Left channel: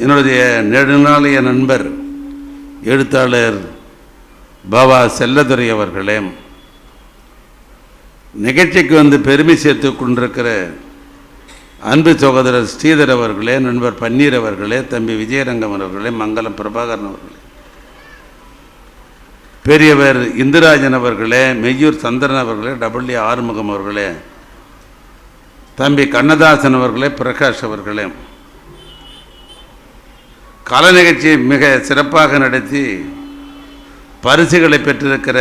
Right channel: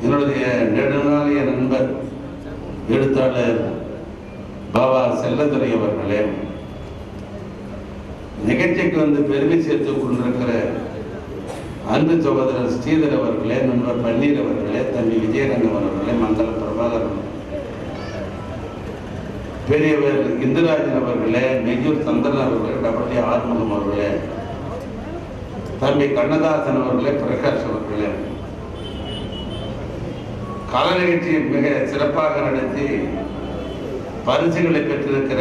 என்னுடைய நெடுநாளைய நண்பர் எழுத்தாளர் பாபா செல்லதுரை அவர்களே, நிகழ்ச்சிக்கு வந்து பெருமை சேர்த்து கொண்டிருக்கிற அன்பு சகோதரர் ஸ்ரீதர் அவர்களே, நண்பர் பன்னீர் அவர்களே, தம்பி விஜயரங்கம் அவர்களே, மங்கள பிரபாகரன் அவர்களே, பெரியவர் இந்துராஜன் அவர்களே, மெய்யூர் சந்திரன் அவர்களே, டபிள்யூ ஆறுமுகம் அவர்களே, தம்பி கண்ணதாசன் அவர்களே, பிரகாஷ் அவர்களே, கலை நிகழ்ச்சியை மிக சிறப்பாக நடத்தி பரிசுகளை பெற்றிருக்கிற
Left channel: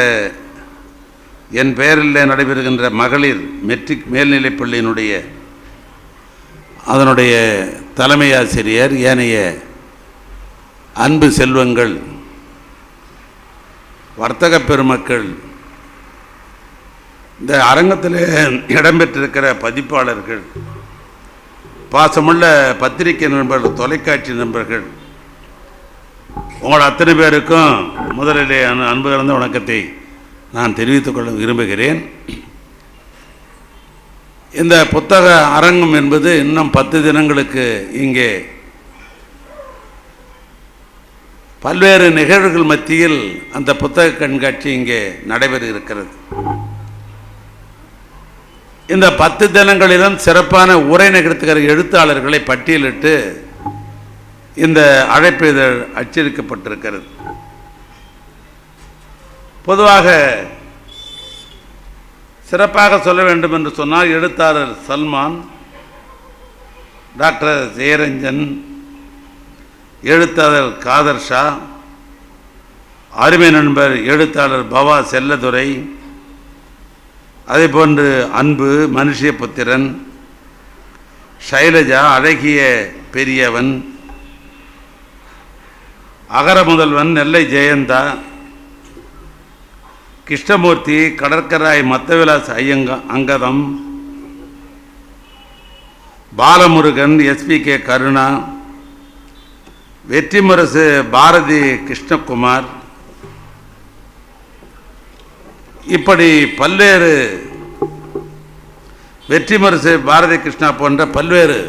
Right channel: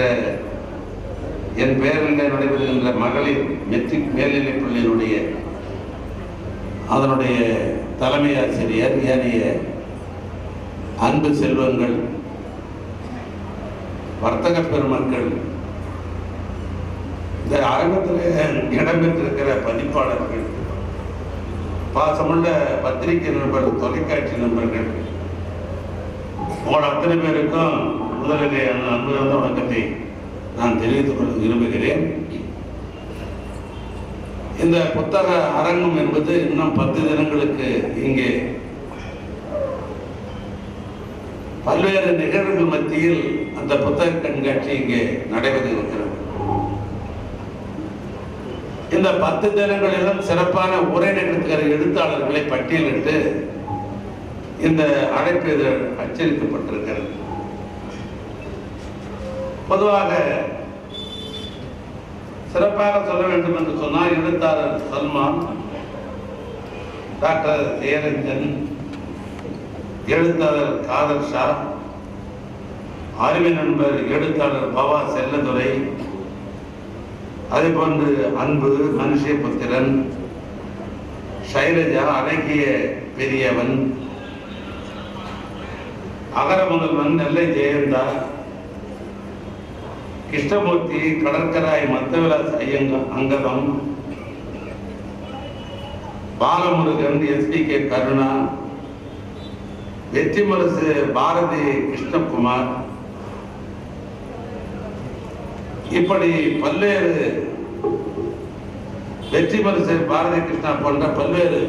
என் பெயரில் நடைபெறுகின்ற மகளிர் மெட்ரிக் மேல்நிலைப் பள்ளியினுடைய அதனுடைய தலைமை ஆசிரியர், ஏனைய அன்பு செல்வங்கள், வர்த்தக பெருமக்கள், இந்த அரங்கத்தில் இடம்பெற்றிருக்கிற பதிப்பாளர்கள், பாசமுள்ள பத்திரிகை நண்பர்கள், தொலைக்காட்சி நண்பர்கள், உங்கள் அத்தனை பேருக்கும் முதலிலே அன்பு கலந்த வணக்கத்தை நான் தெரிவித்துக் கொள்ள விரும்புகிறேன். இந்த புத்தக அரங்கம் என்பது இன்னும் 10 தினங்களுக்கு இங்கே பல்வேறு நிகழ்வுகள் மத்தியில் அந்த புத்தக கண்காட்சி இங்கே நடைபெற இருக்கிறது. இந்த 10 தினங்களிலும் சிறப்பான உரை நிகழ்த்துகிற எழுத்தாளர்களை பட்டியலிட்டு இந்த அழைப்பு இதழ் அச்சடிக்கப்பட்டிருக்கிறது. பொதுவாக சிறப்பாக சொல்ல வேண்டும் என்று சொன்னால் எழுத்தாளர் சல்மான், டாக்டர் ஜெயரஞ்சன், எழுத்தாளர் காதர் ஷா, அருமை நண்பர் எழுத்தாளர் பவா செல்லதுரை, அதேபோன்று அன்பு, மனுஷபுத்திரன், ஷைலஜா, அழகிய பெரியவன், அகர முதல்வன், நெல்லை ஜெயந்தா, கிருஷ்ணமூர்த்தி, கடற்கராய் மத்தவிலாஸ் அங்கதம், பாலமுருகன், SPK கருணா, வெற்றிமுரசு பாரதி கிருஷ்ணகுமார், இப்படி பல்வேறு வெற்றிமுரசு பாரதி கிருஷ்ணா போன்ற பல்வேறு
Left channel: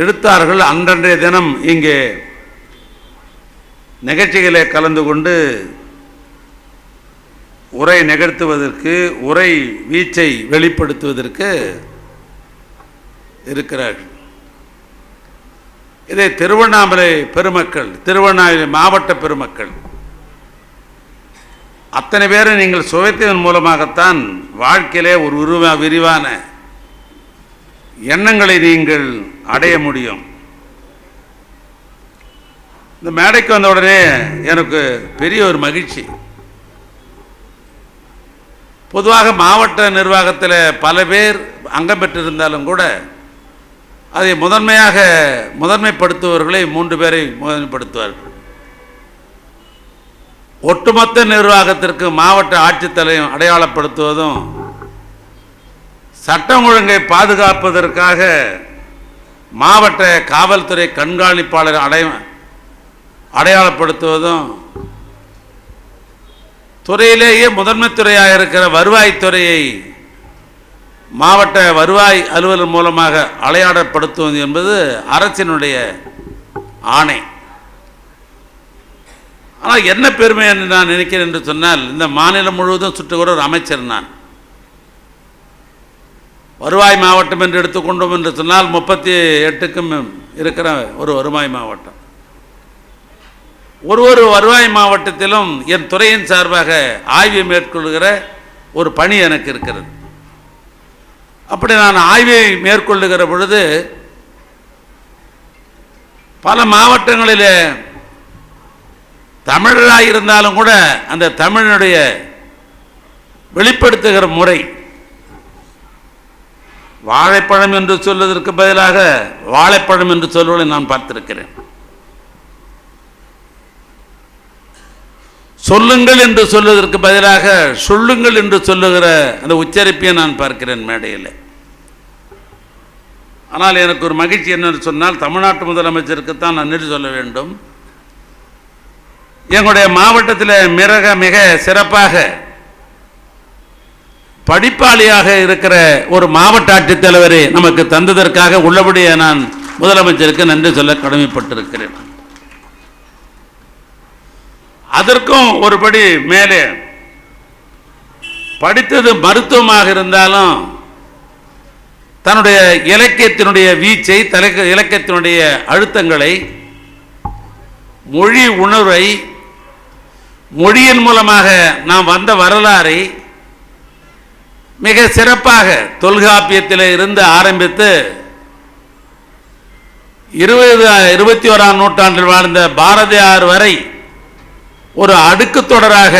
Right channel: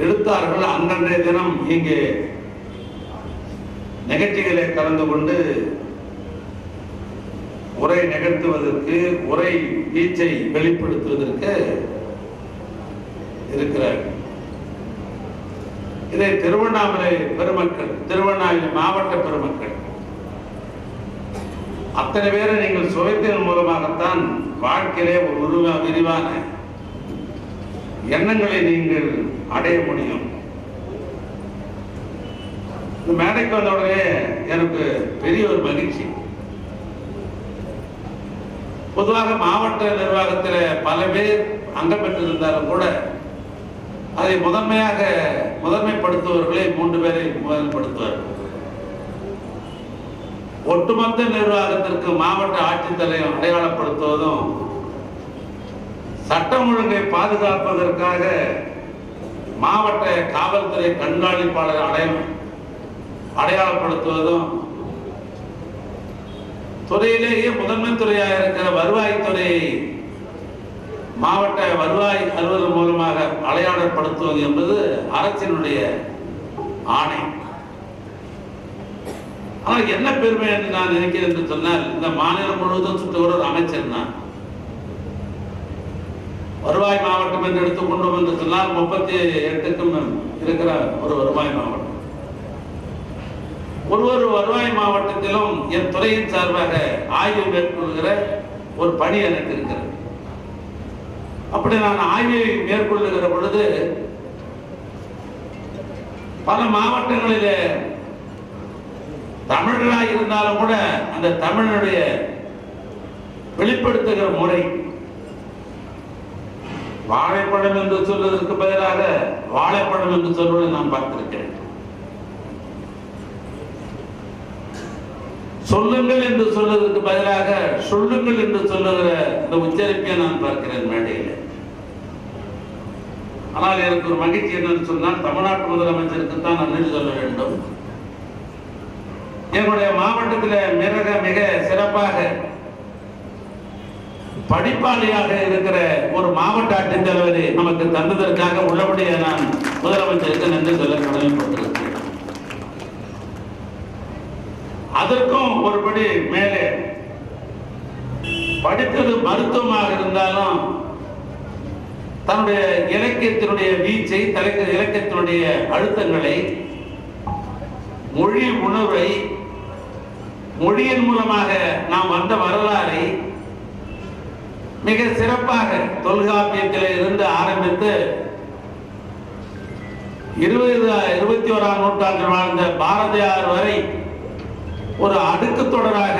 எழுத்தாளர்கள் அன்றன்றைய தினம் இங்கே நிகழ்ச்சிகளை கலந்து கொண்டு உரை நிகழ்த்துவதற்கு, உரை வீச்சை வெளிப்படுத்துவதற்கு இருக்கிறார். இதை திருவண்ணாமலை பெருமக்கள், திருவண்ணாமலை மாவட்ட பெருமக்கள் அத்தனை பேரை நீங்கள் சுவைத்ததன் மூலமாகத்தான் வாழ்க்கையிலே ஒரு விரிவான எண்ணங்களை நீங்கள் அடைய முடியும். இந்த மேடைக்கு வந்த உடனே எனக்கு பெரிய ஒரு மகிழ்ச்சி. பொதுவாக மாவட்ட நிர்வாகத்தில் பல பேர் அங்கம் பெற்றிருந்தாலும் கூட அதை முதன்மைப்படுத்துபவர்களை 3 பேரை முதன்மைப்படுத்துவார். ஒட்டுமொத்த நிர்வாகத்திற்கு மாவட்ட ஆட்சித்தலைவர் அடையாளப்படுத்துவதும், சட்டம் ஒழுங்கை பாதுகாப்பதற்காக மாவட்ட காவல்துறை கண்காணிப்பாளர் அடையாளப்படுத்துவதும், துறையிலேயே முதன்மை துறையாக இருக்கிற வருவாய்த்துறையை மாவட்ட வருவாய் அலுவலர் மூலமாக அடையாளப்படுத்துவது என்பது அரசினுடைய ஆணை. ஆனால் என்ன பெருமை என்று நான் நினைக்கிறேன் என்று சொன்னால், இந்த மாநிலம் முழுவதும் சுற்றுகிற ஒரு அமைச்சர் நான். வருவாய் மாவட்டம் என்று எடுத்துக்கொண்டோம் என்று சொன்னால் 38க்கும் இருக்கிற ஒரு வருவாய் மாவட்டம். ஒரு வருவாய் மாவட்டத்திலும் என் துறையின் சார்பாக ஆய்வை மேற்கொள்கிற ஒரு பணி எனக்கு இருக்கிறது. அப்படி நான் ஆய்வை மேற்கொள்ளுகிற பொழுது பல மாவட்டங்களில் தமிழராக இருந்தாலும் கூட அந்த தமிழனுடைய வெளிப்படுத்துகிற முறை, வாழைப்பழம் என்று சொல்வதற்கு பதிலாக வாழைப்பழம் என்று சொல்வதை நான் பார்த்திருக்கிறேன். சொல்லுங்கள் என்று சொல்வதற்கு பதிலாக சொல்லுங்கள் என்று சொல்லுகிற அந்த உச்சரிப்பை நான் பார்க்கிறேன் மேடையில். ஆனால் எனக்கு ஒரு மகிழ்ச்சி என்னன்னு சொன்னால், தமிழ்நாட்டு முதலமைச்சருக்குத்தான் நன்றி சொல்ல வேண்டும். எங்களுடைய மாவட்டத்தில் மிக சிறப்பாக படிப்பாளியாக இருக்கிற ஒரு மாவட்ட ஆட்சித்தலைவரை நமக்கு தந்ததற்காக உள்ளபடியே நான் முதலமைச்சருக்கு நன்றி சொல்ல கடமைப்பட்டிருக்கிறேன். அதற்கும் ஒருபடி மேலே படித்தது மருத்துவமாக இருந்தாலும் தன்னுடைய இலக்கியத்தினுடைய வீச்சை, இலக்கியத்தினுடைய அழுத்தங்களை, மொழி உணர்வை, மொழியின் மூலமாக நாம் வந்த வரலாறை மிக சிறப்பாக தொல்காப்பியத்தில் இருந்து ஆரம்பித்து 21ஆம் நூற்றாண்டில் வாழ்ந்த பாரதியார் வரை ஒரு அடுக்கு தொடராக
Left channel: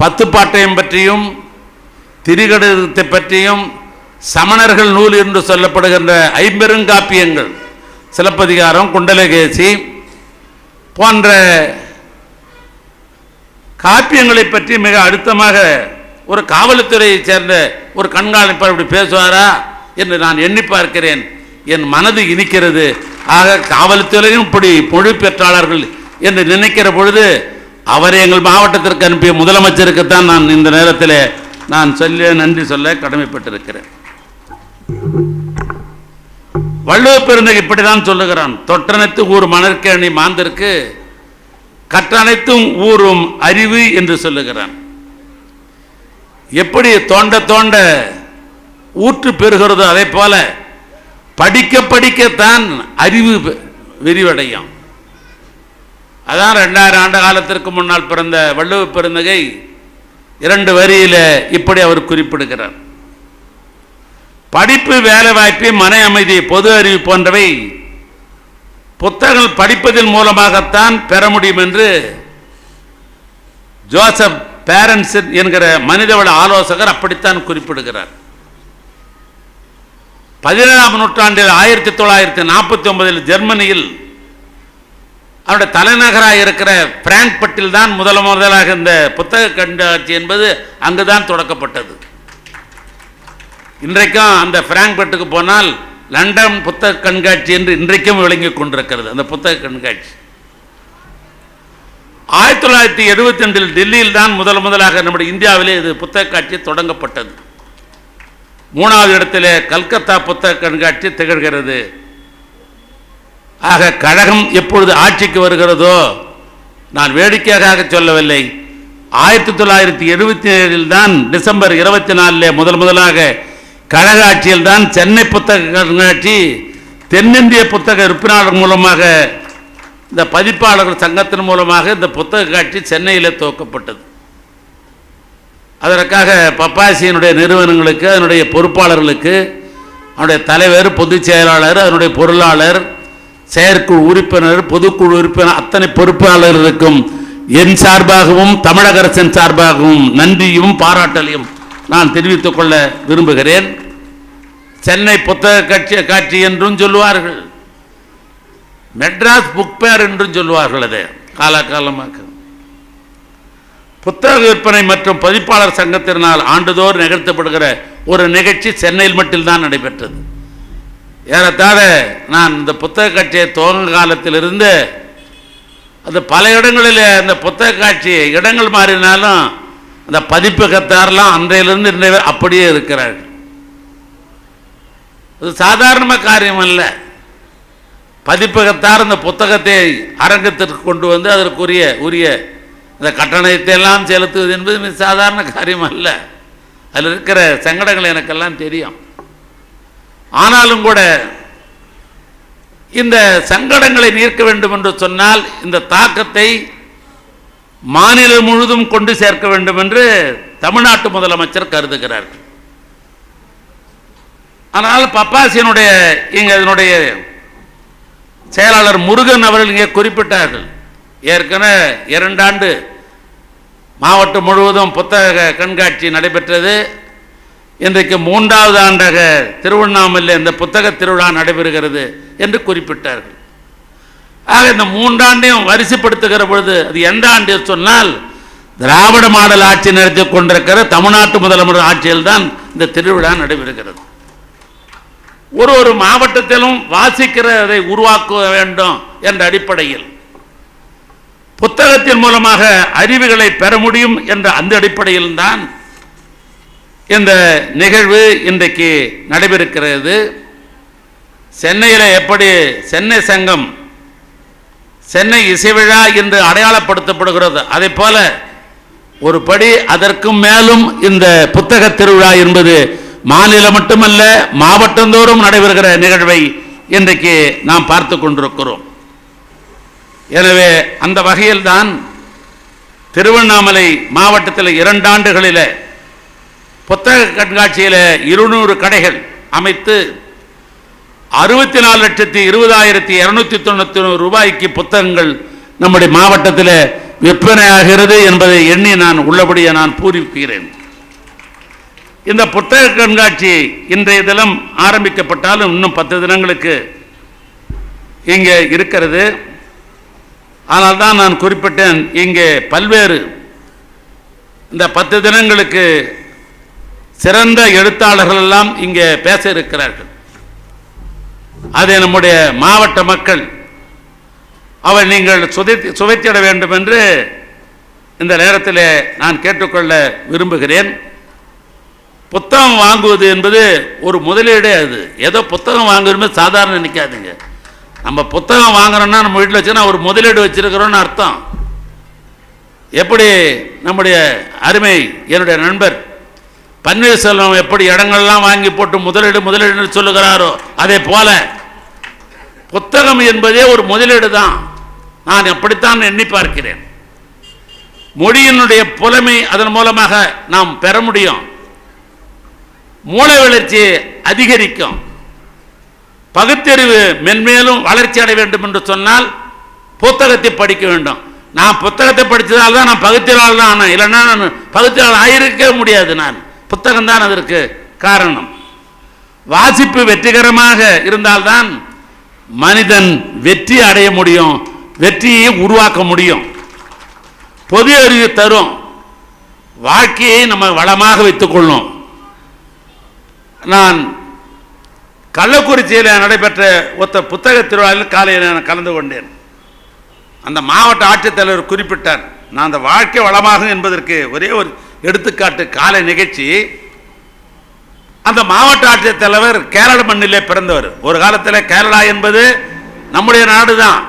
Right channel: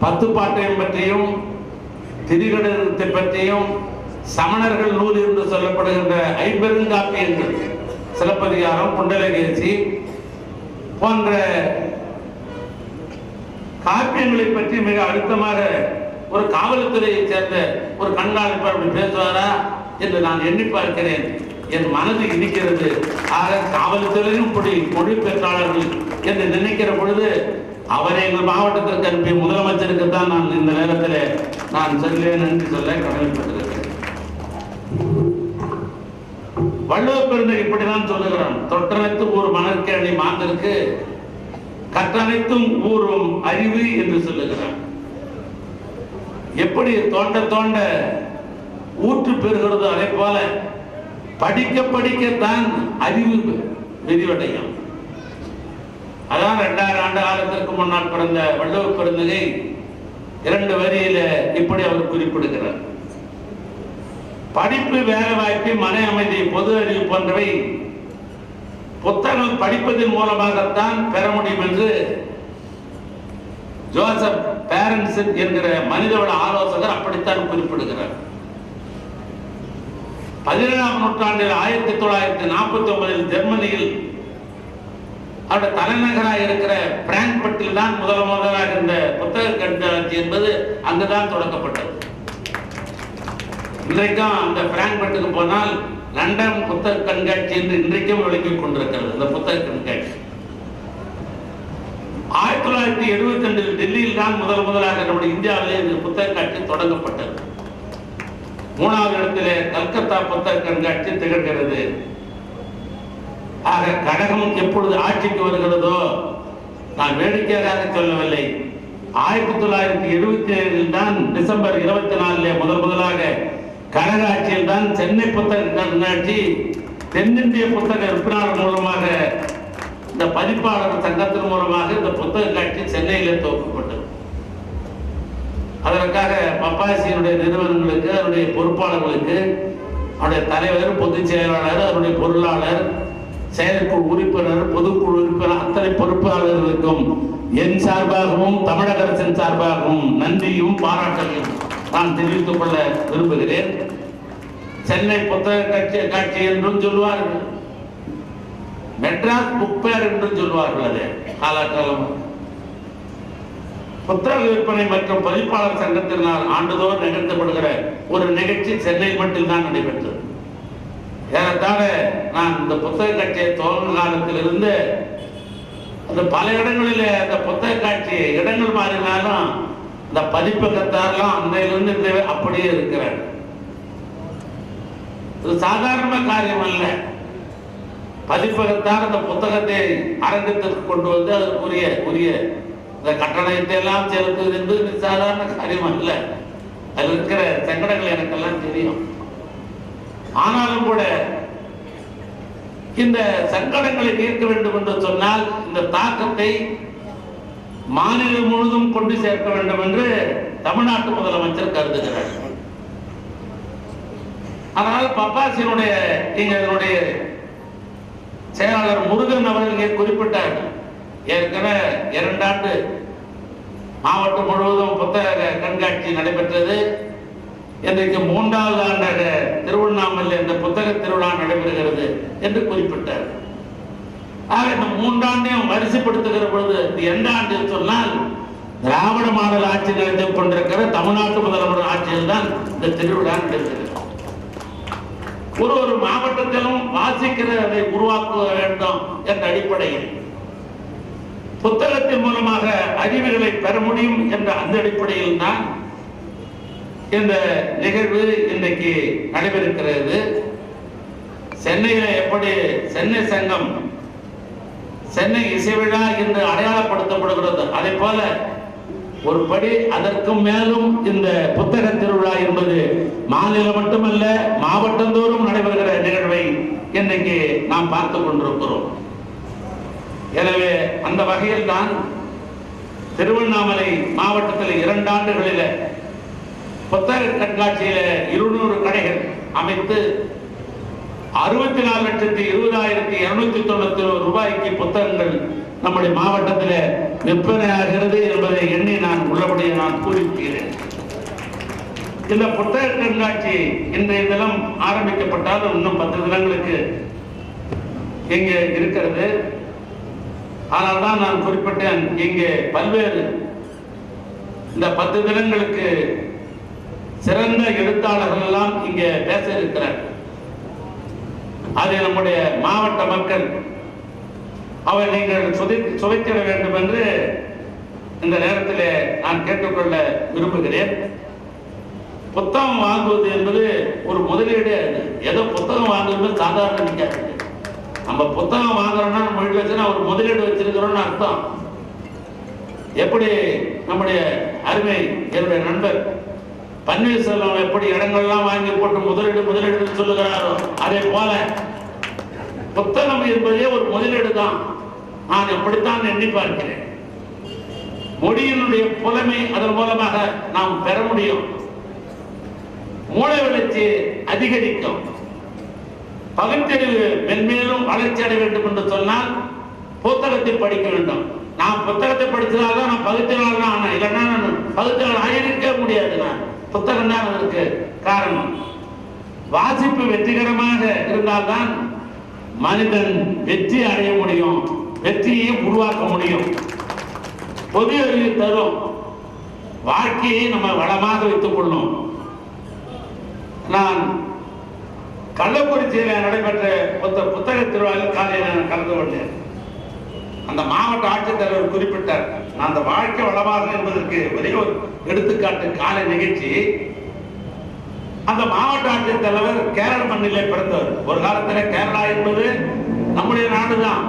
பத்துப்பாட்டையும் பற்றியும் திரிகடத்தை பற்றியும் சமணர்கள் நூல் என்று சொல்லப்படுகின்ற ஐம்பெருங்காப்பியங்கள், சிலப்பதிகாரம், குண்டலகேசி போன்ற காப்பியங்களை பற்றி மிக அழுத்தமாக ஒரு காவல்துறையை சேர்ந்த ஒரு கண்காணிப்பாளர் இப்படி பேசுவாரா என்று நான் எண்ணி பார்க்கிறேன். என் மனது இனிக்கிறது. ஆக காவல்துறையும் இப்படி மொழி பெற்றாளர்கள் என்று நினைக்கிற பொழுது அவரை எங்கள் மாவட்டத்திற்கு அனுப்பிய முதலமைச்சருக்குத்தான் நான் இந்த நேரத்தில் நான் நன்றி சொல்ல கடமைப்பட்டிருக்கிறேன். வள்ளுவ பெருந்தகை இப்படிதான் சொல்லுகிறான், தொற்றனைத்து ஊர் மணற்கேணி மாந்தருக்கு கற்றனைத்தும் ஊரும் அறிவு என்று சொல்லுகிறான். எப்படி தோண்ட தோண்ட ஊற்று பெறுகிறதோ அதை போல படிக்க படிக்கத்தான் அறிவு விரிவடையும். அதான் 2000 ஆண்டு காலத்திற்கு முன்னால் பிறந்த வள்ளுவ பெருந்தகை 2 வரியில இப்படி அவர் குறிப்பிடுகிறார். படிப்பு, வேலை வாய்ப்பு, மன அமைதி, பொது அறிவு போன்றவை புத்தகங்கள் படிப்பதன் மூலமாகத்தான் பெற முடியும் என்று ஜோசப் பேரன்ஸ் என்கிற மனிதவள ஆலோசகர் அப்படித்தான் குறிப்பிடுகிறார். 17ஆம் நூற்றாண்டில் 1949 ஜெர்மனியில் அவருடைய தலைநகராக இருக்கிற பிராங்க்பர்ட்டில் தான் முதலாக இந்த புத்தக கண்காட்சி என்பது அங்குதான் தொடக்கப்பட்டது. இன்றைக்கும் அந்த பிராங்க்பர்ட்டுக்கு போனால் லண்டன் புத்தக கண்காட்சி என்று இன்றைக்கும் விளங்கிக் கொண்டிருக்கிறது. அந்த புத்தக கண்காட்சி 1972 டெல்லியில் தான் முதலாக நம்முடைய இந்தியாவிலே இது புத்தக காட்சி தொடங்கப்பட்டது. 3வது இடத்திலே கல்கத்தா புத்தக கண்காட்சி திகழ்கிறது. ஆக கழகம் எப்பொழுது ஆட்சிக்கு வருகிறதோ, நான் வேடிக்கையாக சொல்லவில்லை, 1977 தான் டிசம்பர் 24 முதலாக கழக ஆட்சியில் தான் சென்னை புத்தக கண்காட்சி தென்னிந்திய புத்தக விற்பனையாளர் மூலமாக, இந்த பதிப்பாளர்கள் சங்கத்தின் மூலமாக இந்த புத்தக காட்சி சென்னையில் துவக்கப்பட்டது. அதற்காக பப்பாசியினுடைய நிறுவனங்களுக்கு, அதனுடைய பொறுப்பாளர்களுக்கு, அவருடைய தலைவர், பொதுச் செயலாளர், அதனுடைய பொருளாளர், செயற்குழு உறுப்பினர், பொதுக்குழு உறுப்பினர், அத்தனை பொறுப்பாளர்களுக்கும் என் சார்பாகவும் தமிழக அரசின் சார்பாகவும் நன்றியும் பாராட்டலையும் நான் தெரிவித்துக் கொள்ள விரும்புகிறேன். சென்னை புத்தக காட்சி என்றும் சொல்லுவார்கள், மெட்ராஸ் புக் ஃபேர் என்றும் சொல்லுவார்கள். அதை காலகாலமாக புத்தக விற்பனை மற்றும் பதிப்பாளர் சங்கத்தினால் ஆண்டுதோறும் நிகழ்த்தப்படுகிற ஒரு நிகழ்ச்சி சென்னையில் மட்டும்தான் நடைபெற்றது. ஏறத்தாழ நான் இந்த புத்தக காட்சியை துவங்க காலத்திலிருந்து அது பல இடங்களில் அந்த புத்தக காட்சி இடங்கள் மாறினாலும் அந்த பதிப்பகத்தாரெல்லாம் அன்றையிலிருந்து இன்றைய அப்படியே இருக்கிறார்கள். அது சாதாரண காரியம் அல்ல. பதிப்பகத்தார் அந்த புத்தகத்தை அரங்கத்திற்கு கொண்டு வந்து அதற்குரிய இந்த கட்டணத்தை எல்லாம் செலுத்துவது என்பது சாதாரண காரியம் அல்ல. அதில் இருக்கிற சங்கடங்கள் எனக்கெல்லாம் தெரியும். ஆனாலும் கூட இந்த சங்கடங்களை நீக்க வேண்டும் என்று சொன்னால் இந்த தாக்கத்தை மாநிலம் முழுதும் கொண்டு சேர்க்க வேண்டும் என்று தமிழ்நாட்டு முதலமைச்சர் கருதுகிறார். ஆனால் பப்பாசியினுடைய இதனுடைய செயலாளர் முருகன் அவர்கள் இங்கே குறிப்பிட்டார்கள், ஏற்கனவே 2 ஆண்டு மாவட்டம் முழுவதும் புத்தக கண்காட்சி நடைபெற்றது. இன்றைக்கு 3வது ஆண்டாக திருவண்ணாமலை இந்த புத்தக திருவிழா நடைபெறுகிறது என்று குறிப்பிட்டார். ஆக இந்த 3 ஆண்டையும் வரிசைப்படுத்துகிற பொழுது அது எந்த ஆண்டு சொன்னால் திராவிட மாடல் ஆட்சி நடத்தி கொண்டிருக்கிற தமிழ்நாட்டு முதலமைச்சர் ஆட்சியில் தான் இந்த திருவிழா நடைபெறுகிறது. ஒரு மாவட்டத்திலும் வாசிக்கிறதை உருவாக்க வேண்டும் என்ற அடிப்படையில் புத்தகத்தின் மூலமாக அறிவுகளை பெற முடியும் என்ற அந்த அடிப்படையில் தான் இந்த நிகழ்வு இன்றைக்கு நடைபெறுகிறது. சென்னையில் எப்படி சென்னை சங்கம் சென்னை இசை விழா என்று அடையாளப்படுத்தப்படுகிறது, அதே போல ஒரு படி அதற்கும் மேலும் இந்த புத்தக திருவிழா என்பது மாநிலம் மட்டுமல்ல மாவட்டந்தோறும் நடைபெறுகிற நிகழ்வை இன்றைக்கு நாம் பார்த்து கொண்டிருக்கிறோம். எனவே அந்த வகையில் தான் திருவண்ணாமலை மாவட்டத்தில் 2 ஆண்டுகளில் புத்தக கண்காட்சியில் 200 கடைகள் அமைத்து 64,20,291 ரூபாய்க்கு புத்தகங்கள் நம்முடைய மாவட்டத்தில் விற்பனையாகிறது என்பதை எண்ணி நான் உள்ளபடியே நான் பூரிக்கிறேன். இந்த புத்தக கண்காட்சி இன்றைய தினம் ஆரம்பிக்கப்பட்டாலும் இன்னும் 10 தினங்களுக்கு இங்கே இருக்கிறது. ஆனால் தான் நான் குறிப்பிட்டேன், இங்கே பல்வேறு இந்த 10 தினங்களுக்கு சிறந்த எழுத்தாளர்கள் எல்லாம் இங்கே பேச இருக்கிறார்கள். அதை நம்முடைய மாவட்ட மக்கள் அவை நீங்கள் சுவைத்திட வேண்டும் என்று இந்த நேரத்தில் நான் கேட்டுக்கொள்ள விரும்புகிறேன். புத்தகம் வாங்குவது என்பது ஒரு முதலீடு. அது ஏதோ புத்தகம் வாங்குறது சாதாரண நினைக்காதுங்க. நம்ம புத்தகம் வாங்குறோம்னா நம்ம வீட்டில் வச்சுன்னா ஒரு முதலீடு வச்சிருக்கிறோன்னு அர்த்தம். எப்படி நம்முடைய அருமை என்னுடைய நண்பர் பன்னீர்செல்வம் எப்படி இடங்கள்லாம் வாங்கி போட்டு முதலீடு சொல்லுகிறாரோ அதே போல புத்தகம் என்பதே ஒரு முதலீடு தான். நான் அப்படித்தான் எண்ணி பார்க்கிறேன். மொழியினுடைய புலமை அதன் மூலமாக நாம் பெற முடியும். மூளை வளர்ச்சி அதிகரிக்கும். பகுத்தறிவு மென்மேலும் வளர்ச்சி அடைய வேண்டும் என்று சொன்னால் புத்தகத்தை படிக்க வேண்டும். நான் புத்தகத்தை படித்ததால் தான் நான் பகுத்தறிவாளர் தான் ஆனேன். இல்லைன்னா நான் பகுத்தறிவாளர் ஆயிருக்க முடியாது. நான் புத்தகம் தான் அதற்கு காரணம். வாசிப்பு வெற்றிகரமாக இருந்தால்தான் மனிதன் வெற்றி அடைய முடியும், வெற்றியை உருவாக்க முடியும். பொது அறிவு தரும். வாழ்க்கையை நம்ம வளமாக வைத்துக் கொள்ளும். நான் கள்ளக்குறிச்சியில் நடைபெற்ற ஒத்த புத்தக திருவிழாவில் காலையில் நான் கலந்து கொண்டேன். அந்த மாவட்ட ஆட்சித்தலைவர் குறிப்பிட்டார், நான் அந்த வாழ்க்கை வளமாகும் என்பதற்கு ஒரே ஒரு எடுத்துக்காட்டு காலை நிகழ்ச்சி. அந்த மாவட்ட ஆட்சித்தலைவர் கேரள மண்ணிலே பிறந்தவர். ஒரு காலத்தில் கேரளா என்பது நம்முடைய நாடு தான்.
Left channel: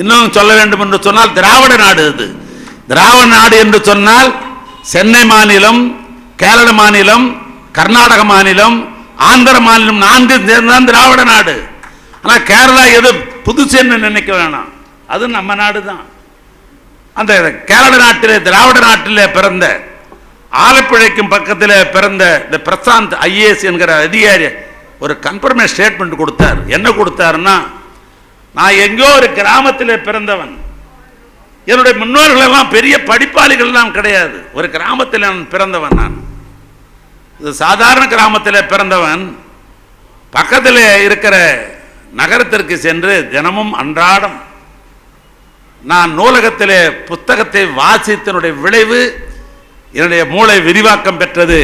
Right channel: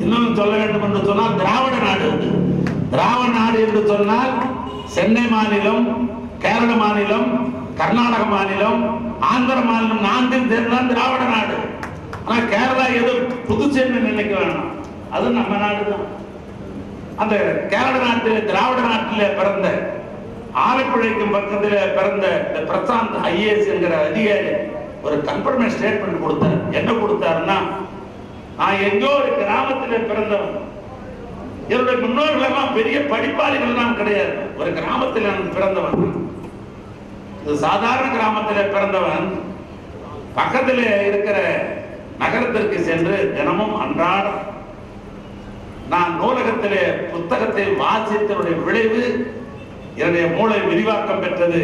இன்னும் சொல்ல வேண்டும் என்று சொன்னால் திராவிட நாடு. அது திராவிட நாடு என்று சொன்னால் சென்னை மாநிலம், கேரள மாநிலம், கர்நாடக மாநிலம், ஆந்திர மாநிலம் 4 சேர்ந்தான் திராவிட நாடு. ஆனால் கேரளா எது புதுசேன்னு நினைக்க வேணாம், அது நம்ம நாடு தான். அந்த கேரள நாட்டிலே திராவிட நாட்டிலே பிறந்த ஆலப்புழைக்கும் பக்கத்தில் பிறந்த இந்த பிரசாந்த் ஐஏஎஸ் என்கிற அதிகாரி ஒரு கன்ஃபர்மேஷன் ஸ்டேட்மெண்ட் கொடுத்தார். என்ன கொடுத்தாருன்னா, நான் எங்கோ ஒரு கிராமத்தில் பிறந்தவன், என்னுடைய முன்னோர்கள் எல்லாம் பெரிய படிப்பாளிகள் எல்லாம் கிடையாது, ஒரு கிராமத்தில் நான் பிறந்தவன். நான் சாதாரண கிராமத்தில் பிறந்தவன். பக்கத்தில் இருக்கிற நகரத்திற்கு சென்று தினமும் அன்றாடம் நான் நூலகத்தில் புத்தகத்தை வாசித்தனுடைய விளைவு என்னுடைய மூளை விரிவாக்கம் பெற்றது.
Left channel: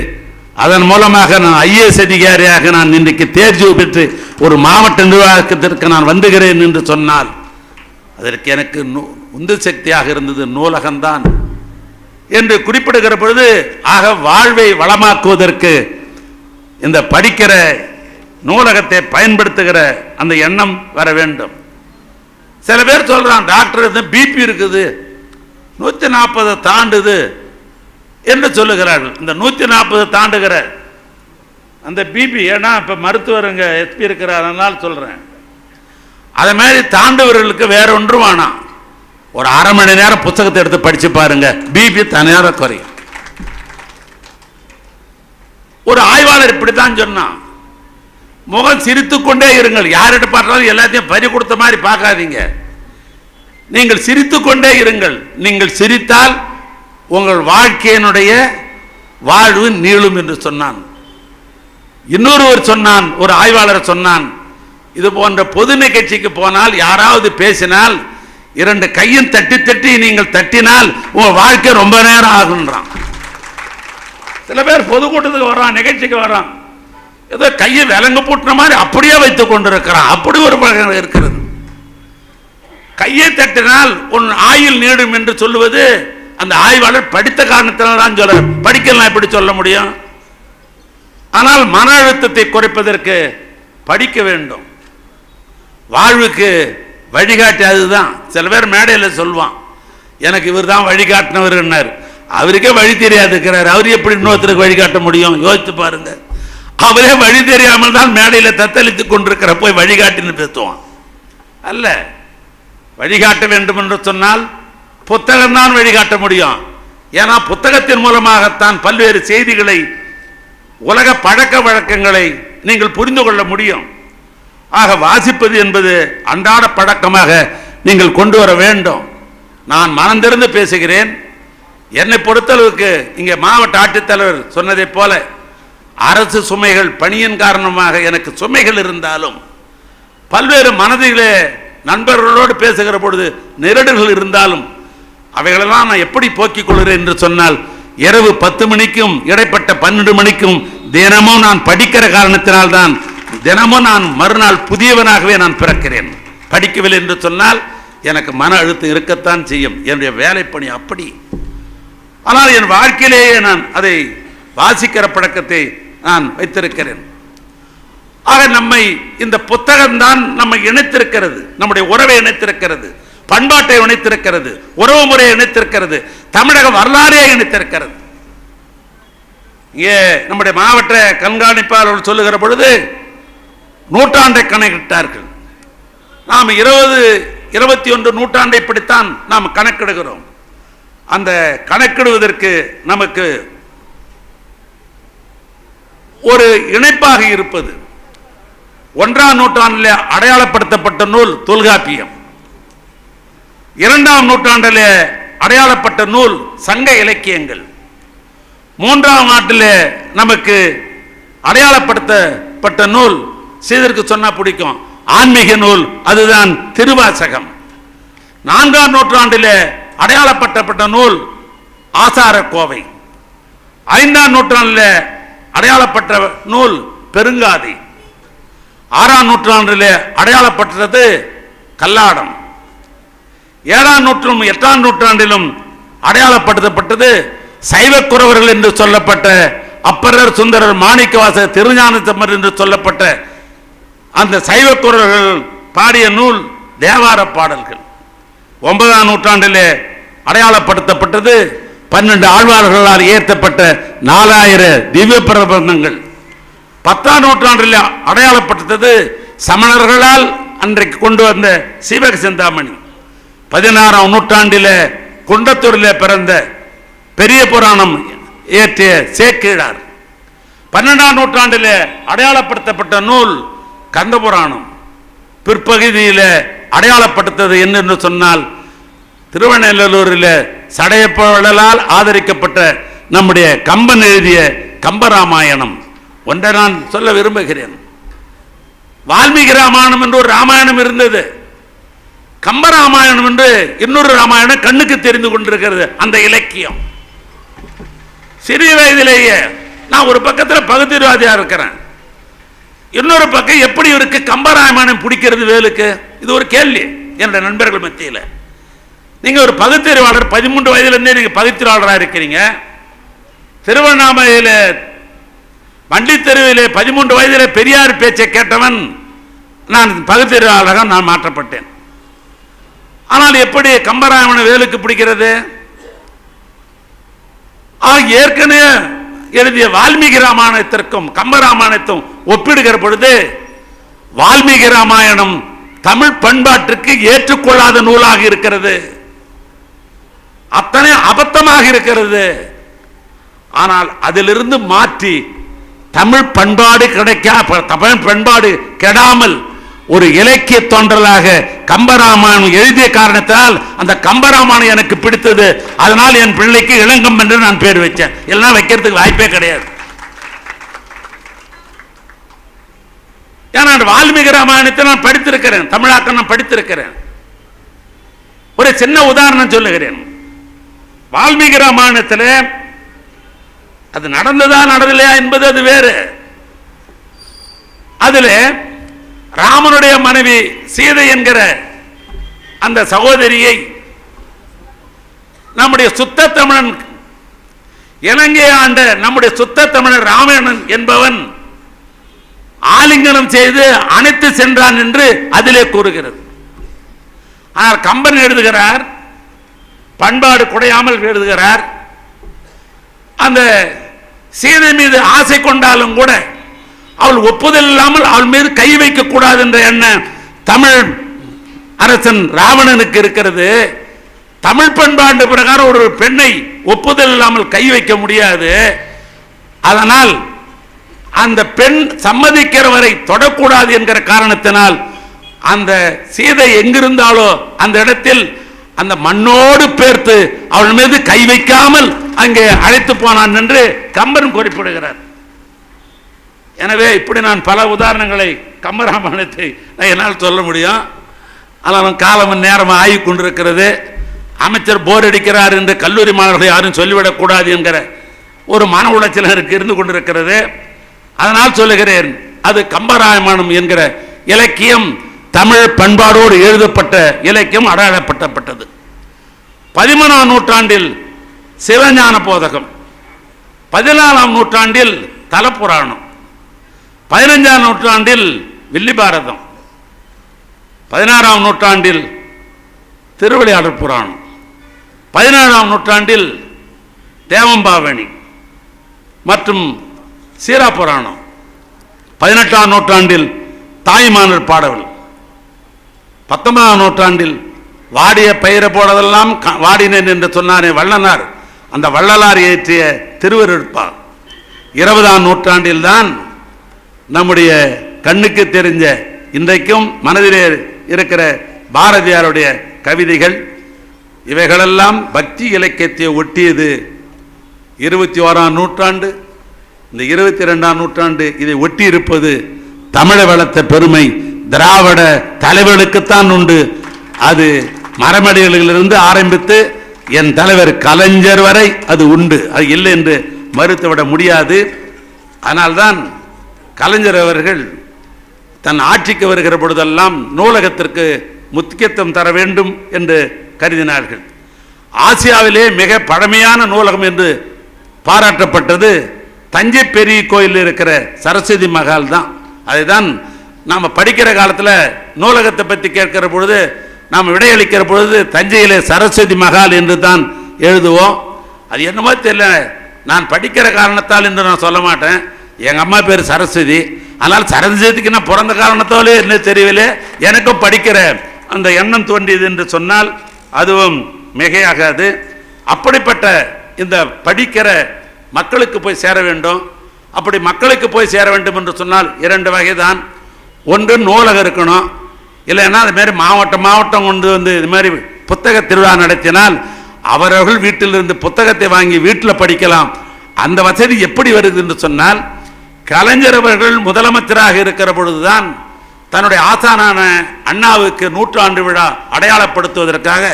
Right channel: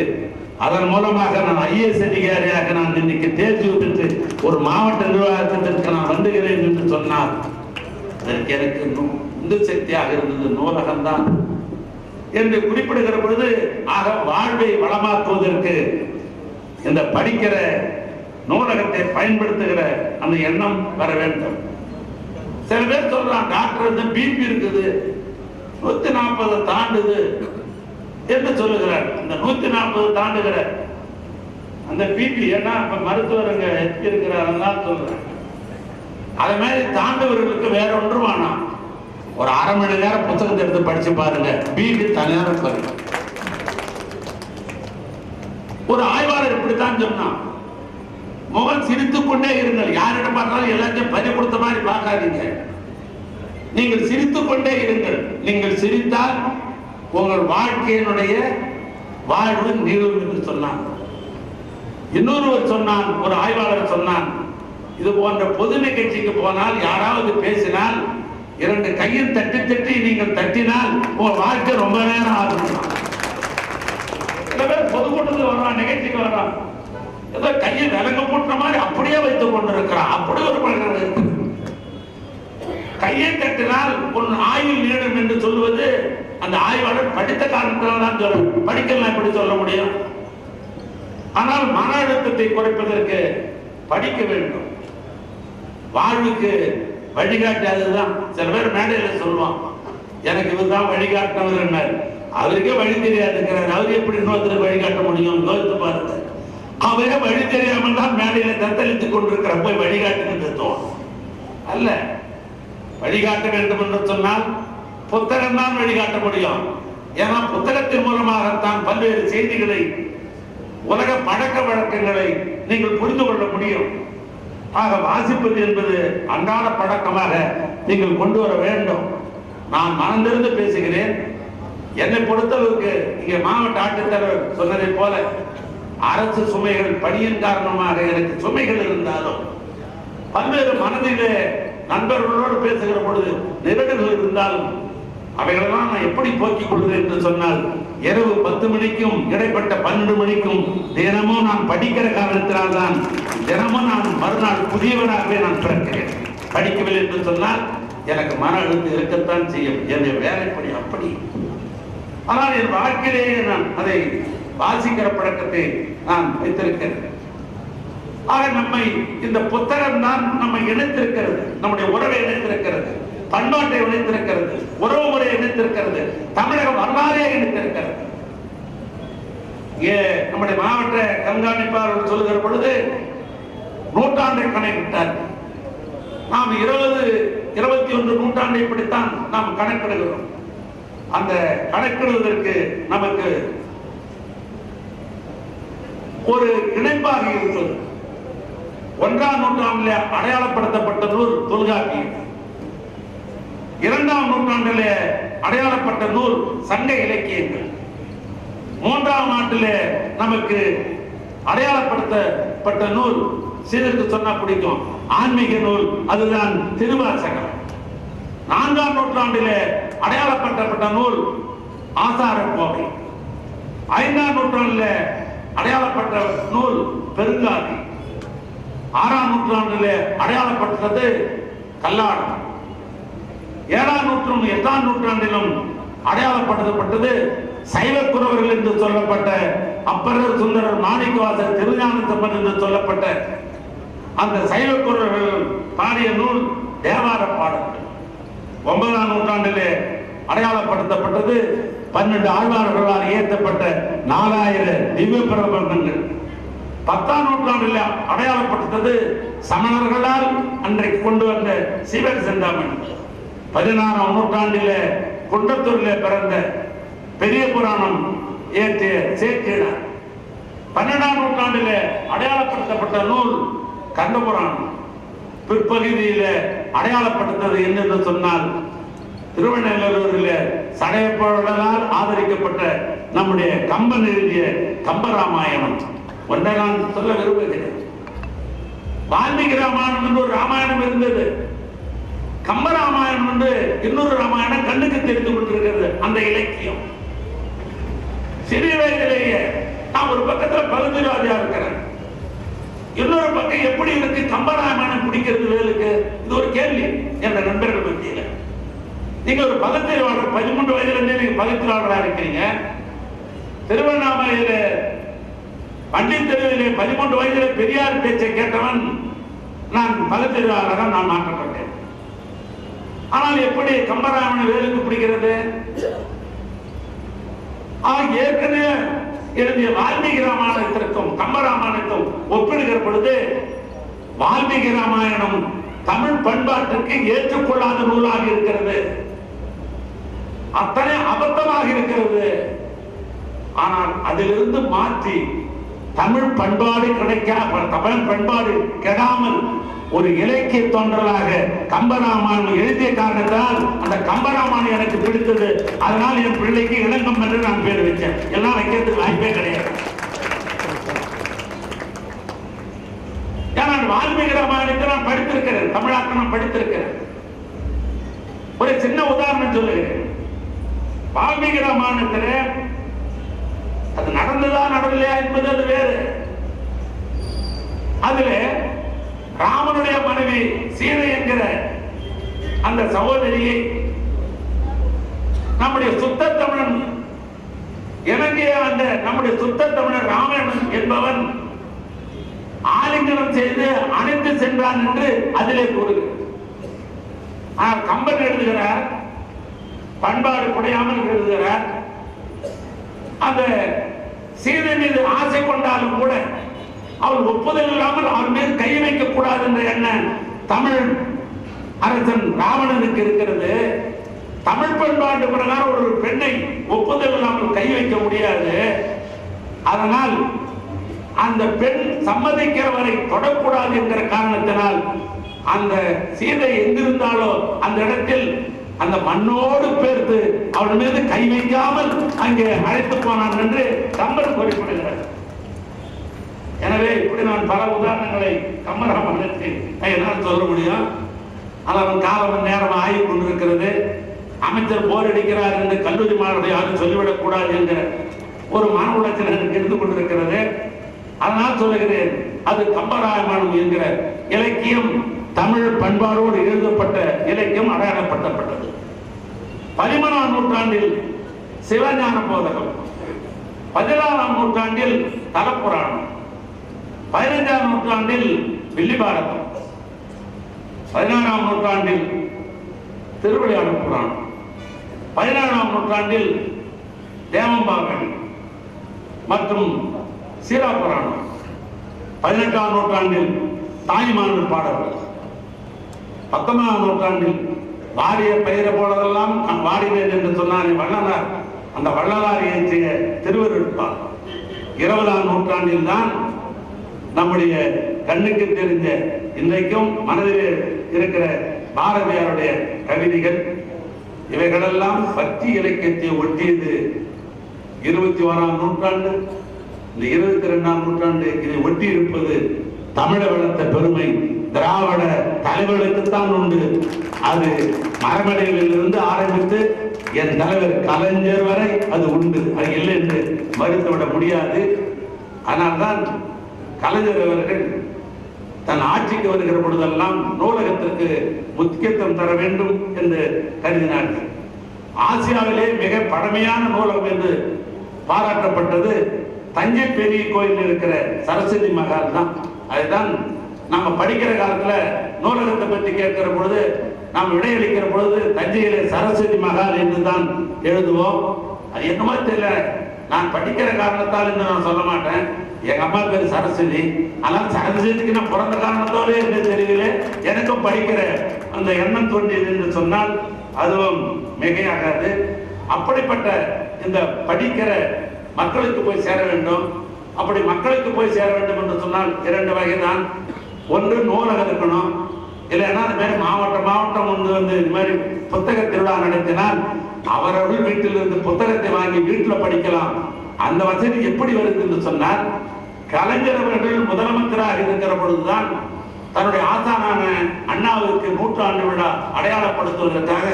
அதன் மூலமாக நான் ஐஏஎஸ் அதிகாரியாக நான் இன்றைக்கு தேர்ச்சி பெற்று ஒரு மாவட்ட நிர்வாகத்திற்கு நான் வந்துகிறேன் என்று சொன்னால் அதற்கு எனக்கு உந்து சக்தியாக இருந்தது நூலகம்தான் என்று குறிப்பிடுகிற பொழுது, ஆக வாழ்வை வளமாக்குவதற்கு இந்த படிக்கிற நூலகத்தை பயன்படுத்துகிற அந்த எண்ணம் வர வேண்டும். சில பேர் சொல்றான், டாக்டர் பிபி இருக்குது 140 தாண்டுது என்று சொல்லுகிறார்கள். இந்த 140 தாண்டுகிற அந்த பிபி, ஏன்னா இப்ப மருத்துவருங்க எஸ்பி இருக்கிறார் சொல்றேன், அதே மாதிரி தாண்டவர்களுக்கு வேற ஒன்றும் வேணாம், ஒரு அரை மணி நேரம் புத்தகத்தை எடுத்து படிச்சு பாருங்க, பிபி தனியாக குறையும். ஒரு ஆய்வாளர் இப்படித்தான் சொன்னான், முகம் சிரித்துக் கொண்டே இருங்கள், யார்கிட்ட பார்த்தாலும் எல்லாத்தையும் பறி கொடுத்த மாதிரி பார்க்காதீங்க, நீங்கள் சிரித்துக் கொண்டே இருங்கள். நீங்கள் சிரித்தால் உங்கள் வாழ்க்கையினுடைய வாழ்வு நீளும் என்று சொன்னான். இன்னொருவர் சொன்னான், ஒரு ஆய்வாளர் சொன்னான், இது போன்ற பொது நிகழ்ச்சிக்கு போனால் யாராவது பேசினால் 2 கையும் தட்டி தட்டி நீங்கள் தட்டினால் உங்க வாழ்க்கை ரொம்ப நேரம் ஆகுன்றான். சில பேர் பொதுக்கூட்டத்துக்கு வர்றான், நிகழ்ச்சிக்கு வர்றான், ஏதோ கையை விலங்கு பூட்டின மாதிரி அப்படியே வைத்துக் கொண்டிருக்கிறான். அப்படி ஒரு பழக்கம் இருக்கிறது. கையை தட்டினால் உன் ஆயுள் நீடும் என்று சொல்லுவது அந்த ஆய்வாளர் படித்த காரணத்தினால் தான் சொல்ல, படிக்கலாம் எப்படி சொல்ல முடியும்? ஆனால் மன அழுத்தத்தை குறைப்பதற்கு படிக்க வேண்டும். வாழ்வுக்கு வழிகாட்டி அதுதான். சில பேர் மேடையில் சொல்லுவான், எனக்கு இவர் தான் வழிகாட்டினவர். அவருக்கே வழி தெரியாதுக்கிறார், அவர் எப்படி இன்னொருத்தருக்கு வழிகாட்ட முடியும்? யோசித்து பாருங்க. அவரே வழி தெரியாமல் தான் மேடையில் தத்தளித்து கொண்டிருக்கிற போய் வழிகாட்டின்னு பேசுவான். அல்ல, வழிகாட்ட வேண்டும் என்று சொன்னால் புத்தகம் தான் வழிகாட்ட முடியும். ஏன்னா புத்தகத்தின் மூலமாகத்தான் பல்வேறு செய்திகளை, உலக பழக்க வழக்கங்களை நீங்கள் புரிந்து கொள்ள முடியும். ஆக வாசிப்பது என்பது அன்றாட பழக்கமாக நீங்கள் கொண்டு வர வேண்டும். நான் மனந்திருந்து பேசுகிறேன். என்னை பொறுத்தளவுக்கு இங்கே மாவட்ட ஆட்சித்தலைவர் சொன்னதை போல அரசு சுமைகள், பணியின் காரணமாக எனக்கு சுமைகள் இருந்தாலும், பல்வேறு மனதிலே நண்பர்களோடு பேசுகிற பொழுது நெருடல்கள் இருந்தாலும் அவைகளெல்லாம் நான் எப்படி போக்கிக் கொள்கிறேன் என்று சொன்னால், இரவு 10 மணிக்கும் இடைப்பட்ட 12 மணிக்கும் தினமும் நான் படிக்கிற காரணத்தினால்தான் தினமும் நான் மறுநாள் புதியவனாகவே நான் பிறக்கிறேன். படிக்கவில்லை என்று சொன்னால் எனக்கு மன அழுத்தம் இருக்கத்தான் செய்யும். என்னுடைய வேலைப்பணி அப்படி. ஆனால் என் வாழ்க்கையிலேயே நான் அதை வாசிக்கிற பழக்கத்தை நான் வைத்திருக்கிறேன். ஆக நம்மை இந்த புத்தகம் தான் நம்மை இணைத்திருக்கிறது, நம்முடைய உறவை இணைத்திருக்கிறது, பண்பாட்டை இணைத்திருக்கிறது, உறவு முறையை இணைத்திருக்கிறது, தமிழக வரலாறே இணைத்திருக்கிறது. இங்கே நம்முடைய மாவட்ட கண்காணிப்பாளர்கள் சொல்லுகிற பொழுது நூற்றாண்டை கணக்கிட்டார்கள். நாம் 20, 21 நூற்றாண்டை இப்படித்தான் நாம் கணக்கிடுகிறோம். அந்த கணக்கிடுவதற்கு நமக்கு ஒரு இணைப்பாக இருப்பது 1ஆம் நூற்றாண்டில் அடையாளப்படுத்தப்பட்ட நூல் தொல்காப்பியம், 2ஆம் நூற்றாண்டில் அடையாளப்பட்ட நூல் சங்க இலக்கியங்கள், 3ஆம் ஆண்டில் நமக்கு அடையாளப்படுத்தப்பட்ட நூல், சீதற்கு சொன்னா பிடிக்கும், ஆன்மீக நூல், அதுதான் திருவாசகம். 4ஆம் நூற்றாண்டில் அடையாளப்படுத்தப்பட்ட நூல் ஆசார கோவை, 5ஆம் நூற்றாண்டில் அடையாளப்பட்ட நூல் பெருங்காதி, 6ஆம் நூற்றாண்டில் அடையாளப்பட்டது கல்லாடம், 7ஆம் நூற்றும் 8ஆம் நூற்றாண்டிலும் அடையாளப்படுத்தப்பட்டது சைவக்குறவர்கள் என்று சொல்லப்பட்ட அப்பரர், சுந்தரர், மாணிக்கவாசகர், திருஞானசம்பந்தர் என்று சொல்லப்பட்ட அந்த சைவக்குறவர்கள் பாடிய நூல் தேவார பாடல்கள். 9ஆம் நூற்றாண்டில் அடையாளப்படுத்தப்பட்டது 12 ஆழ்வார்களால் இயற்றப்பட்ட 4000 திவ்ய பிரபந்தங்கள். 10ஆம் நூற்றாண்டில் அடையாளப்பட்டது சமணர்களால் அன்றைக்கு கொண்டு வந்த சீவக சிந்தாமணி. 16ஆம் நூற்றாண்டில் குண்டத்தூரில் பிறந்த பெரிய புராணம் இயற்றிய சேக்கிழார். 12ஆம் நூற்றாண்டில் அடையாளப்படுத்தப்பட்ட நூல் கந்த புராணம். பிற்பகுதியில் அடையாளப்படுத்தது என்னென்று சொன்னால் திருவண்ணூரில் சடையப்பவர்களால் ஆதரிக்கப்பட்ட நம்முடைய கம்பன் எழுதிய கம்பராமாயணம். ஒன்றை நான் சொல்ல விரும்புகிறேன். வால்மீகி ராமாயணம் என்று ஒரு ராமாயணம் இருந்தது, கம்பராமாயணம் என்று இன்னொரு ராமாயணம் கண்ணுக்கு தெரிந்து கொண்டிருக்கிறது. அந்த இலக்கியம் சிறிய வயதிலேயே நான் ஒரு பக்கத்தில் பகுத்தறிவாதியா இருக்கிறேன், இன்னொரு பக்கம் எப்படி இருக்கு கம்பராமாயணம் பிடிக்கிறது வேலுக்கு? இது ஒரு கேள்வி என்னுடைய நண்பர்கள் மத்தியில். நீங்க ஒரு பகுத்தறிவாளர், 13 வயதிலிருந்தே நீங்க பகுத்தறிவாளராக இருக்கிறீங்க. திருவண்ணாமலையில் வண்டி தெருவிலே 13 வயதில் பெரியார் பேச்சை கேட்டவன் நான், பகுத்தறிவாளராக நான் மாற்றப்பட்டேன். ஆனால் எப்படி கம்பராமாயணம் வேலுக்கு பிடிக்கிறது? ஏற்கனவே எழுதிய வால்மீகி ராமாயணத்திற்கும் கம்பராமாயணத்தும் ஒப்பிடுகிற பொழுது வால்மீகி ராமாயணம் தமிழ் பண்பாட்டுக்கு ஏற்றுக்கொள்ளாத நூலாக இருக்கிறது, அத்தனை அபத்தமாக இருக்கிறது. ஆனால் அதிலிருந்து மாற்றி தமிழ் பண்பாடு தமிழ் பண்பாடு கெடாமல் ஒரு இலக்கிய தொண்டலாக கம்பராமாயணம் எழுதிய காரணத்தால் அந்த கம்பராமாயணம் எனக்கு பிடித்தது. அதனால் என் பிள்ளைக்கு இளங்கம்பன் என்று நான் பேர் வச்சேன். எல்லாம் வைக்கிறதுக்கு வாய்ப்பே கிடையாது. ஏன்னா வால்மீகி ராமாயணத்தை நான் படித்திருக்கிறேன், தமிழாக்கம் நான் படித்திருக்கிறேன். ஒரு சின்ன உதாரணம் சொல்லுகிறேன். வால்மீகி ராமாயணத்தில் அது நடந்ததா நடந்தலையா என்பது அது வேறு. அதில் ராமனுடைய மனைவி சீதை என்கிற அந்த சகோதரியை நம்முடைய சுத்த தமிழன், இலங்கையை ஆண்ட நம்முடைய சுத்த தமிழன் ராமாயணன் என்பவன் ஆலிங்கனம் செய்து அணைத்து சென்றான் என்று அதிலே கூறுகிறது. ஆனால் கம்பன் எழுதுகிறார், பண்பாடு குறையாமல் எழுதுகிறார், அந்த சீதை மீது ஆசை கொண்டாலும் கூட அவள் ஒப்புதல் இல்லாமல் அவள் மீது கை வைக்க கூடாது என்ற எண்ணம் தமிழ் அரசன் ராவணனுக்கு இருக்கிறது. தமிழ் பண்பாட்டு பிரகாரம் ஒரு பெண்ணை ஒப்புதல் இல்லாமல் கை வைக்க முடியாது. அதனால் அந்த பெண் சம்மதிக்கிற வரை தொடக்கூடாது என்கிற காரணத்தினால் அந்த சீதை எங்கிருந்தாலோ அந்த இடத்தில் அந்த மண்ணோடு பேர்த்து அவள் மீது கை வைக்காமல் அங்கே அழைத்து போனான் என்று கம்பன் குறிப்பிடுகிறார். எனவே இப்படி நான் பல உதாரணங்களை கம்பராமாயணத்தை என்னால் சொல்ல முடியும். ஆனால் காலம் நேரம் ஆகி கொண்டிருக்கிறது. அமைச்சர் போர் அடிக்கிறார் என்று கல்லூரி மாணவர்கள் யாரும் சொல்லிவிடக்கூடாது என்கிற ஒரு மன உளைச்சல் எனக்கு இருந்து கொண்டிருக்கிறது. அதனால் சொல்லுகிறேன், அது கம்பராமாயணம் என்கிற இலக்கியம் தமிழ் பண்பாடோடு எழுதப்பட்ட இலக்கியம், அடையாளப்படுத்தப்பட்டது. 13ஆம் நூற்றாண்டில் சிவஞான போதகம், 14ஆம் நூற்றாண்டில் தலப்புராணம், 15ஆம் நூற்றாண்டில் வில்லிபாரதம், 16ஆம் நூற்றாண்டில் திருவிளையாடல் புராணம், 17ஆம் நூற்றாண்டில் தேவம்பாவணி மற்றும் சீரா புராணம், 18ஆம் நூற்றாண்டில் தாய்மானர் பாடல், 19ஆம் நூற்றாண்டில் வாடிய பயிரை போனதெல்லாம் வாடினேன் என்று சொன்னாரே வள்ளலார், அந்த வள்ளலார் இயற்றிய திருவருட்பா, 20ஆம் நூற்றாண்டில் தான் நம்முடைய கண்ணுக்கு தெரிஞ்ச இன்றைக்கும் மனதிலே இருக்கிற பாரதியாருடைய கவிதைகள். இவைகளெல்லாம் பக்தி இலக்கியத்தை ஒட்டியது. 21ஆம் நூற்றாண்டு, இந்த 22ஆம் நூற்றாண்டு இதை ஒட்டி இருப்பது தமிழ வளர்த்த பெருமை திராவிட தலைவர்களுக்குத்தான் உண்டு. அது மரமடிகளிலிருந்து ஆரம்பித்து என் தலைவர் கலைஞர் வரை அது உண்டு. அது இல்லை என்று மறுத்துவிட முடியாது. ஆனால்தான் கலைஞர் அவர்கள் தன் ஆட்சிக்கு வருகிற பொழுதெல்லாம் நூலகத்திற்கு முக்கியத்துவம் தர வேண்டும் என்று கருதினார்கள். ஆசியாவிலே மிக பழமையான நூலகம் என்று பாராட்டப்பட்டது தஞ்சை பெரிய கோயிலில் இருக்கிற சரஸ்வதி மகால் தான். அதுதான் நாம் படிக்கிற காலத்தில் நூலகத்தை பற்றி கேட்கிற பொழுது நாம் விடையளிக்கிற பொழுது தஞ்சையிலே சரஸ்வதி மகால் என்று தான் எழுதுவோம். அது என்னமோ தெரியல, நான் படிக்கிற காரணத்தால் என்று நான் சொல்ல மாட்டேன். எங்கள் அம்மா பேர் சரஸ்வதி, ஆனால் சரஸ்வதிக்கு நான் பிறந்த காரணத்தாலே என்ன தெரியவில்லை, எனக்கும் படிக்கிற அந்த எண்ணம் தோன்றியது என்று சொன்னால் அதுவும் மிகையாகாது. அப்படிப்பட்ட இந்த படிக்கிற மக்களுக்கு போய் சேர வேண்டும். அப்படி மக்களுக்கு போய் சேர வேண்டும் என்று சொன்னால் 2 வகை தான். ஒன்று நூலகம் இருக்கணும், இல்லைன்னா அது மாதிரி மாவட்டம் கொண்டு வந்து இது மாதிரி புத்தக திருவிழா நடத்தினால் அவர்கள் வீட்டிலிருந்து புத்தகத்தை வாங்கி வீட்டில் படிக்கலாம். அந்த வசதி எப்படி வருது என்று சொன்னால், கலைஞர் அவர்கள் முதலமைச்சராக இருக்கிற பொழுதுதான் தன்னுடைய ஆசானான அண்ணாவுக்கு 100ஆண்டு விழா அடையாளப்படுத்துவதற்காக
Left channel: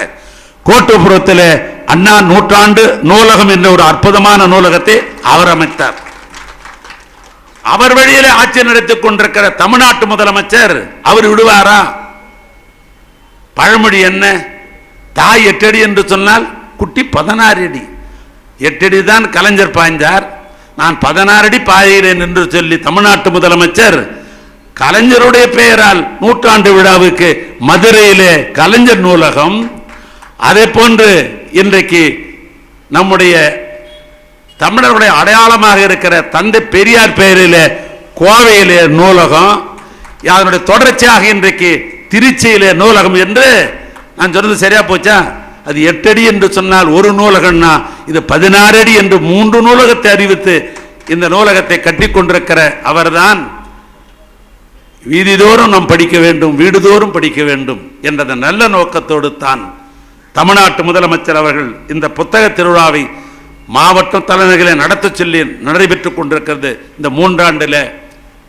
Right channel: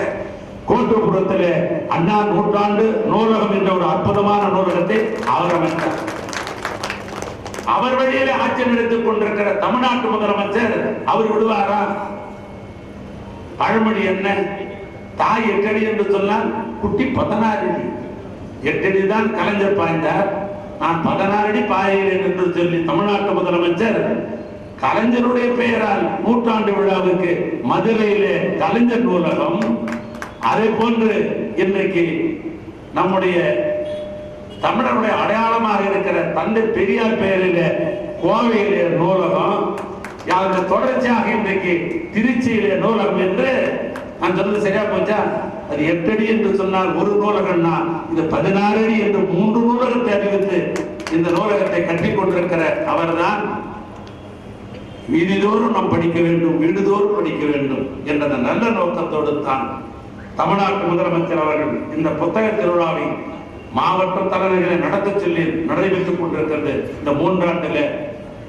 கோட்டப்புறத்தில் அண்ணா 100ஆண்டு நூலகம் என்ற ஒரு அற்புதமான நூலகத்தை அவர் அமைத்தார். அவர் வழியிலே ஆட்சி நடத்திக் கொண்டிருக்கிற தமிழ்நாட்டு முதலமைச்சர் அவர் விடுவாரா? பழமொழி என்ன, தாய் 8 அடி என்று சொன்னால் குட்டி 16 அடி. 8 அடி தான் கலைஞர் பாய்ந்தார், நான் 16 அடி பாய்கிறேன் என்று சொல்லி தமிழ்நாட்டு முதலமைச்சர் கலைஞருடைய பெயரால் 100ஆண்டு விழாவுக்கு மதுரையிலே கலைஞர் நூலகம், அதே போன்று இன்றைக்கு நம்முடைய தமிழருடைய அடையாளமாக இருக்கிற தந்தை பெரியார் பெயரிலே கோவையிலே நூலகம், அதனுடைய தொடர்ச்சியாக இன்றைக்கு திருச்சியிலே நூலகம் என்று நான் சொன்னது சரியா போச்சா? அது 8 அடி என்று சொன்னால் ஒரு நூலகம்னா இது 16 அடி என்று 3 நூலகத்தை அறிவித்து இந்த நூலகத்தை கட்டி கொண்டிருக்கிற அவர்தான் வீதிதோறும் நாம் படிக்க வேண்டும், வீடுதோறும் படிக்க வேண்டும் என்ற நல்ல நோக்கத்தோடு தான் தமிழ்நாட்டு முதலமைச்சர் அவர்கள் இந்த புத்தக திருவிழாவை மாவட்ட தலைவர்களை நடத்த சொல்லி நடைபெற்றுக் கொண்டிருக்கிறது. இந்த 3 ஆண்டில்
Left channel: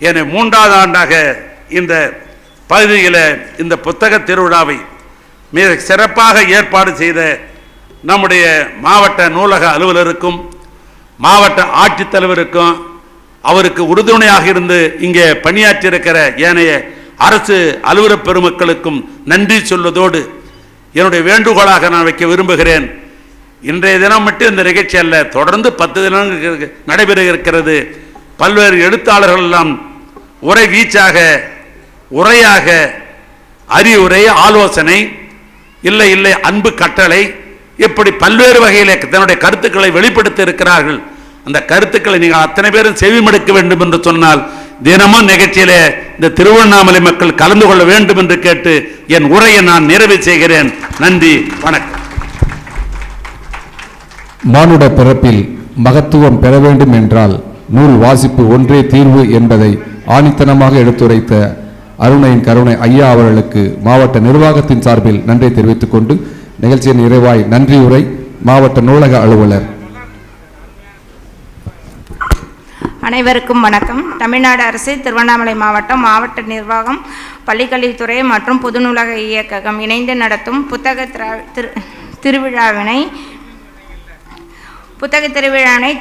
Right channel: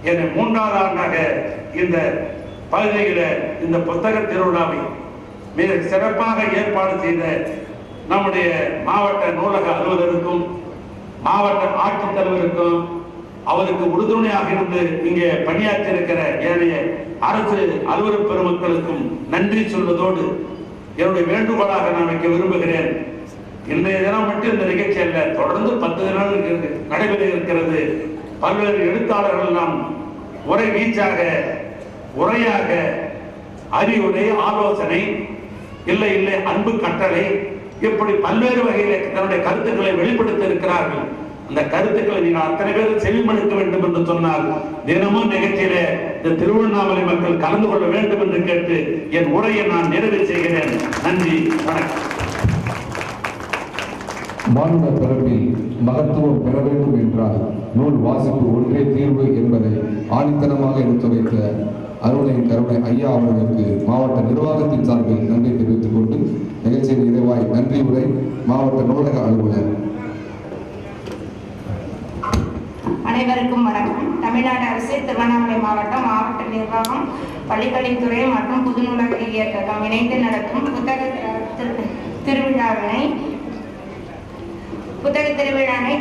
ஏன்னா 3வது ஆண்டாக இந்த பகுதியில் இந்த புத்தக திருவிழாவை மிக சிறப்பாக ஏற்பாடு செய்த நம்முடைய மாவட்ட நூலக அலுவலருக்கும் மாவட்ட ஆட்சித்தலைவருக்கும் அவருக்கு உறுதுணையாக இருந்து இங்கே பணியாற்றியிருக்கிற ஏனைய அரசு அலுவலர் பெருமக்களுக்கும் நன்றி சொல்வதோடு என்னுடைய வேண்டுகோளாக நான் வைக்க விரும்புகிறேன். இன்றைய தினம் மட்டும் இந்த நிகழ்ச்சி அல்ல, தொடர்ந்து 10 தினங்கள் நடைபெற இருக்கிறது. பல்வேறு எழுத்தாளர்கள் எல்லாம் உரை வீச்சாக, உரையாக, அறிவுரை, ஆலோசனை, இல்லை இல்லை அன்பு கட்டளை, இப்படி பல்வேறு வகையில் தன்னுடைய கருத்துக்களை வெளிப்படுத்தி இருக்கிறார்கள். அந்த கருத்துக்களை நீங்கள் அத்தனை பேரும் செவிமடுக்க வேண்டும் என்று சொன்னால் தினமும் நிகழ்ச்சியிலே இந்த திருவண்ணாமலை மக்கள் கலந்து கொள்ள வேண்டும் என்று கேட்டு என் உரையை நான் நிறைவு செய்கிறேன். நன்றி, வணக்கம். மானுட பிறப்பில் மகத்துவம் பெற வேண்டும் என்றால் நூல் வாசிப்பு ஒன்றே தீர்வு என்பதை ஆணித்தனமாக எடுத்துரைத்த அருணையின் கருணை ஐயா அவர்களுக்கு மாவட்ட நிர்வாகத்தின் சார்பில் நன்றி தெரிவித்துக் கொண்டு நிகழ்ச்சியின் நிறைவாய் நன்றி உரை மாவட்ட நூலக அலுவலர். அனைவருக்கும் வணக்கம். தமிழ்நாடு அரசு திருவண்ணாமலை மாவட்டம் மாவட்ட நிர்வாகம், பள்ளிக்கல்வித்துறை மற்றும் பொது நூலக இயக்ககம் இணைந்து நடத்தும் புத்தக திருவிழாவினை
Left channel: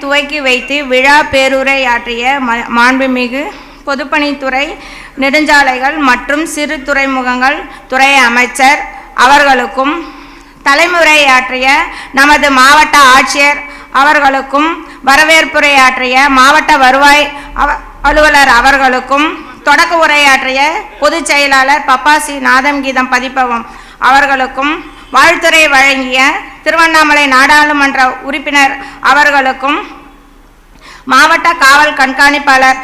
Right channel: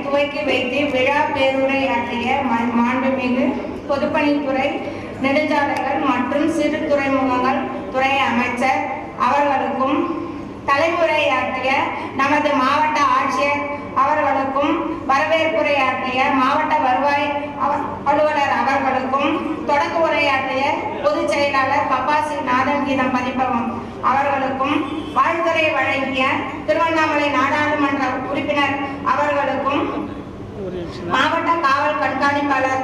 துவக்கி வைத்து விழா பேருரையாற்றிய மாண்புமிகு பொதுப்பணித்துறை, நெடுஞ்சாலைகள் மற்றும் சிறு துறைமுகங்கள் துறை அமைச்சர் அவர்களுக்கும், தலைமுறையாற்றிய நமது மாவட்ட ஆட்சியர் அவர்களுக்கும், வரவேற்புரையாற்றிய மாவட்ட வருவாய் அலுவலர் அவர்களுக்கும், தொடக்க உரையாற்றிய பொதுச் செயலாளர் பப்பாசி நாதம்கீதம் பதிப்பகம் அவர்களுக்கும், வாழ்த்துரை வழங்கிய திருவண்ணாமலை நாடாளுமன்ற உறுப்பினர் அவர்களுக்கும், மாவட்ட காவல் கண்காணிப்பாளர்